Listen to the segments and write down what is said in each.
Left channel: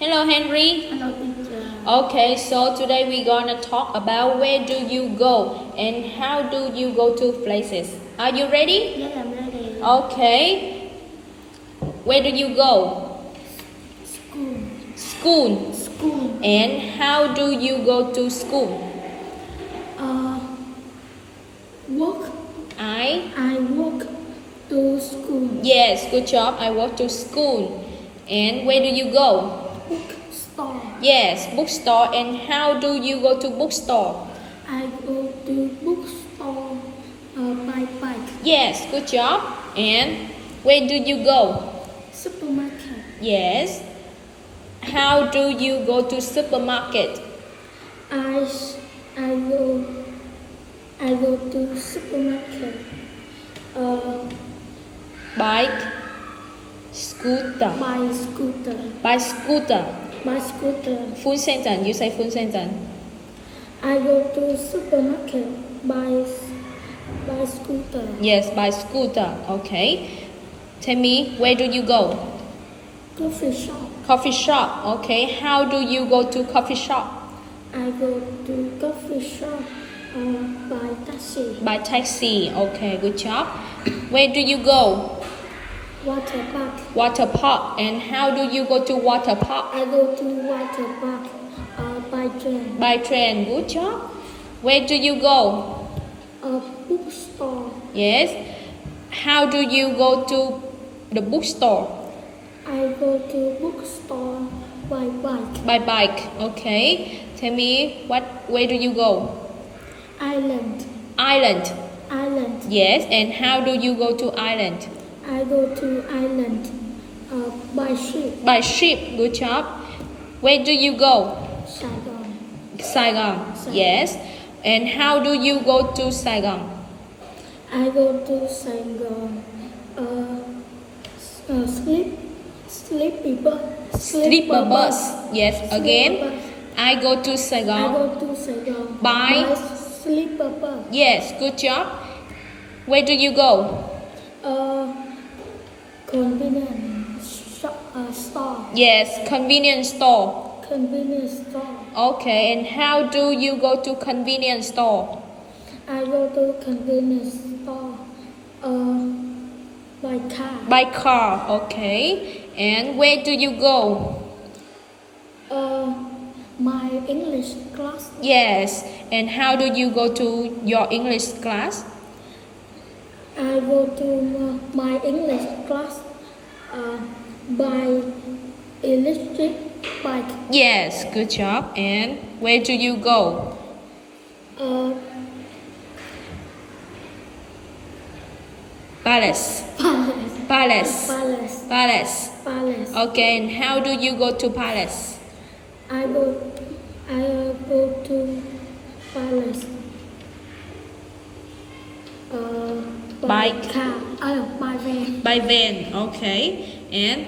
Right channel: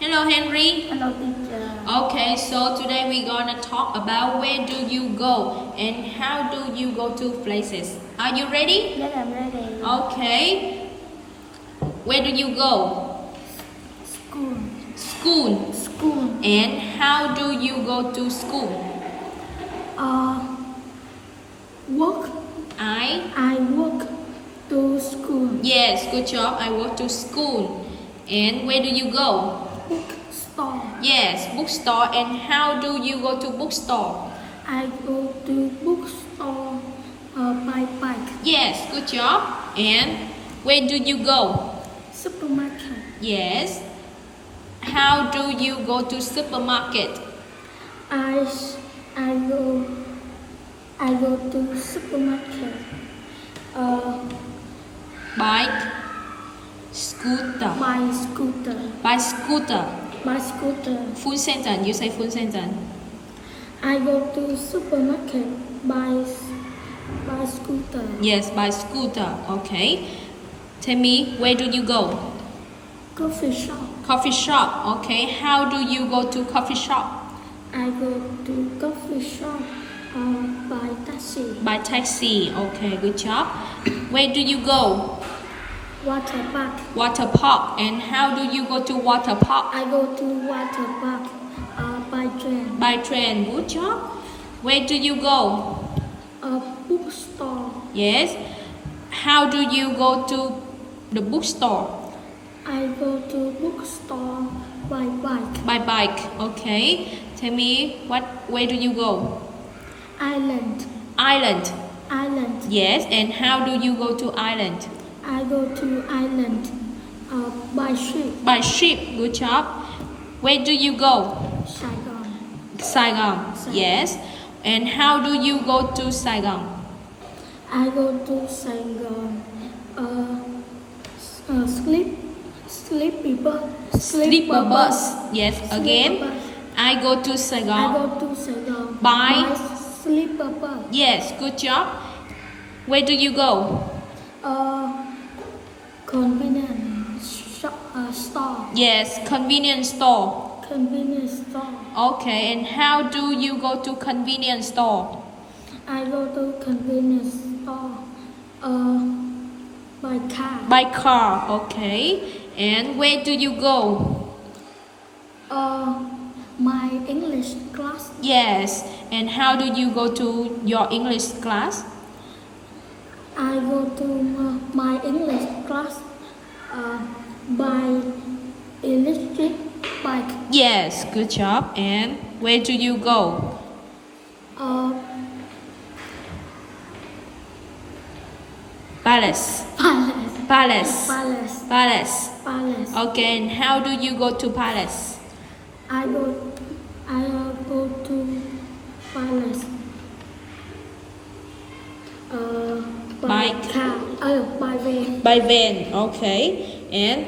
Hello, Henry. Hello, teacher. Okay, so today we're gonna talk about where do you go and how do you go to places. Are you ready? Yes, I'm ready. Okay. Where do you go? School. School. School. And how do you go to school? Work. I work to school. Yes, good job. I walk to school. And where do you go? Store. Yes, bookstore. And how do you go to bookstore? I go to bookstore by bike. Yes, good job. And where do you go? Supermarket. Yes. How do you go to supermarket? I go to supermarket. Bike, scooter. By scooter. By scooter. By scooter. Full sentence. You say full sentence. I go to supermarket by scooter. Yes, by scooter. Okay. Tell me, where do you go? Coffee shop. Coffee shop. Okay. How do you go to coffee shop? I go to coffee shop by taxi. By taxi. Okay, good job. Where do you go? Water park. Water park. And how do you go to water park? I go to water park by train. By train. Good job. Where do you go? A bookstore. Yes. How do you go to the bookstore? I go to bookstore by bike. By bike. Okay. Tell me, where do you go? Island. Island. Island. Yes. And how do you go to island? I go to island by ship. By ship. Good job. Where do you go? Saigon. Saigon. Yes. And how do you go to Saigon? I go to Saigon. Sleeper bus. Yes. Again. I go to I Saigon. go to Saigon By sleeper bus. Yes. Good job. Where do you go? Convenience store. Yes. Convenience store. Convenience store. Okay. And how do you go to convenience store? I go to convenience store by car. By car. Okay. And where do you go? My English class. Yes. And how do you go to your English class? I go to my English class by electric bike. Yes. Good job. And where do you go? Palace. Palace. Palace. Palace. Palace. Palace. Okay. And how do you go to palace? I go to palace by Bike. car. By van. By van. Okay. And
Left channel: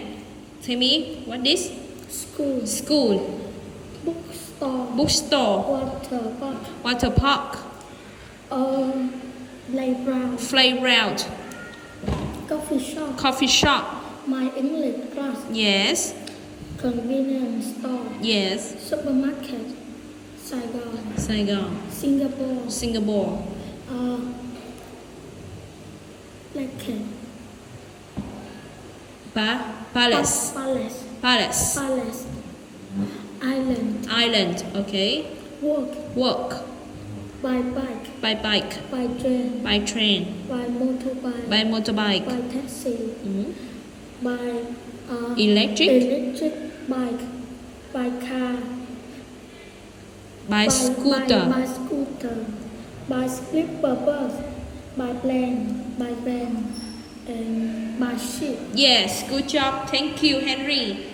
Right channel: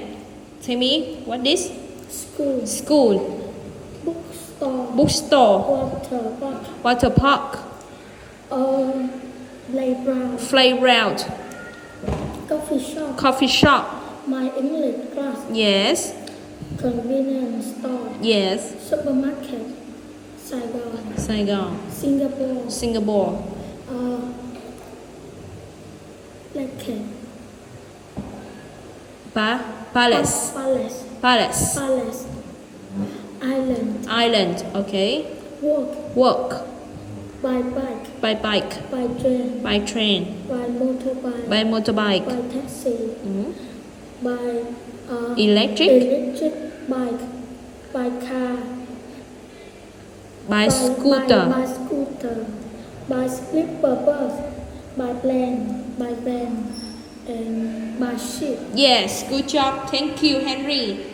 tell me, what is? School. School. Bookstore. Bookstore. Water park. Water park. Playground. Playground. Coffee shop. Coffee shop. My English class. Yes. Convenience store. Yes. Supermarket. Saigon. Saigon. Singapore. Singapore. Lake. Palace. Palace. Palace. Palace. Island. Island. Okay. Work. Work. By bike. By bike. By train. By train. By motorbike. By motorbike. By taxi. By Electric. electric bike. By car. By scooter. By scooter. By sleeper bus. By plane. By van. And by ship. Yes. Good job. Thank you, Henry.